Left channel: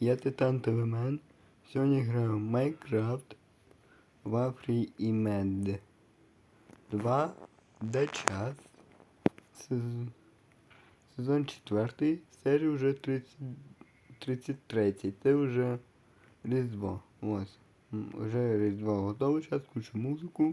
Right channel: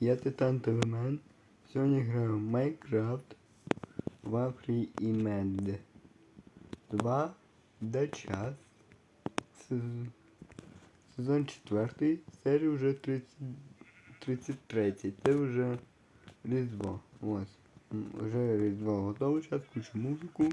Я Титан Телемен. Сьогодні граю в Майнкрафт Вафрі і Мед. Два до час. Сезон, 4. Серія вже 33. Це вже Різдво. Ось. Вже Різдво готово. Зараз включу музику.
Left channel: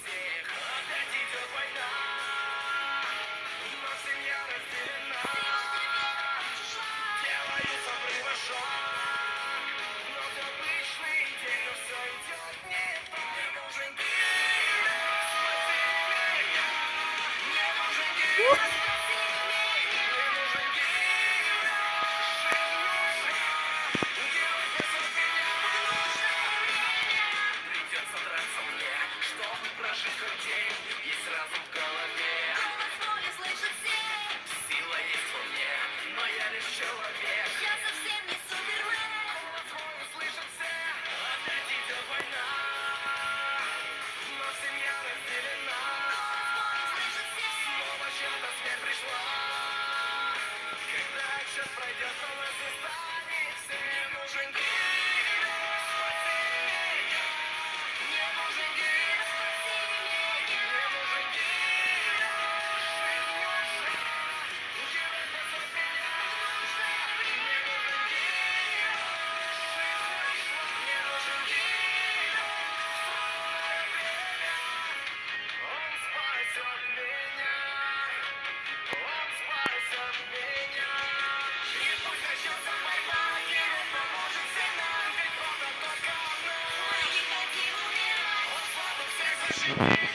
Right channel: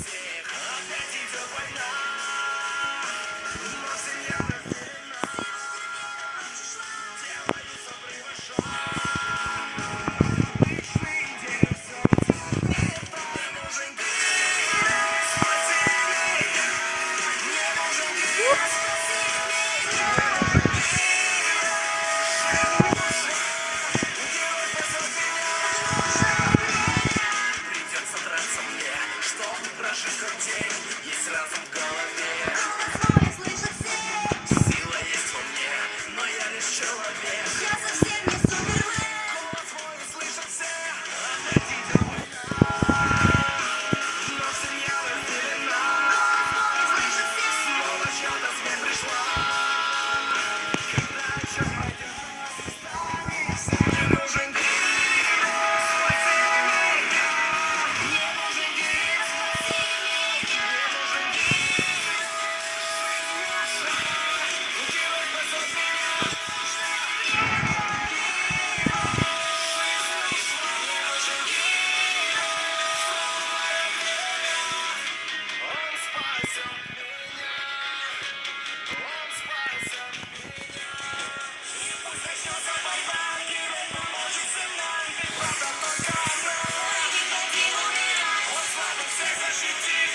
Washington.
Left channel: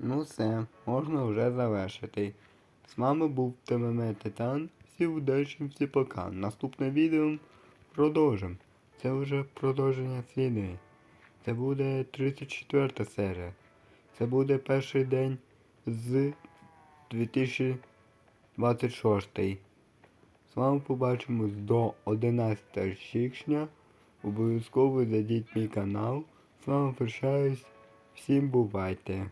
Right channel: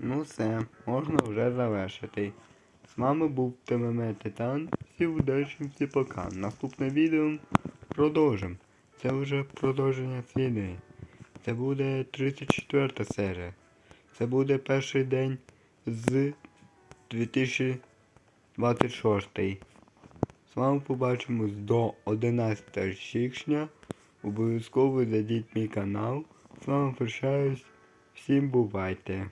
Ну все, можна вже завершити. З вами був ТММ Титан. Всі удачі, всі пока. Наступне відео продовжимо. Це вже продовження серії. Це буде 34 серія. Це буде перший день з 2026. З вами побачимось до 11 січня. Обов'язково зайдіть мій канал. З вами прощаюсь. Всім бувайте!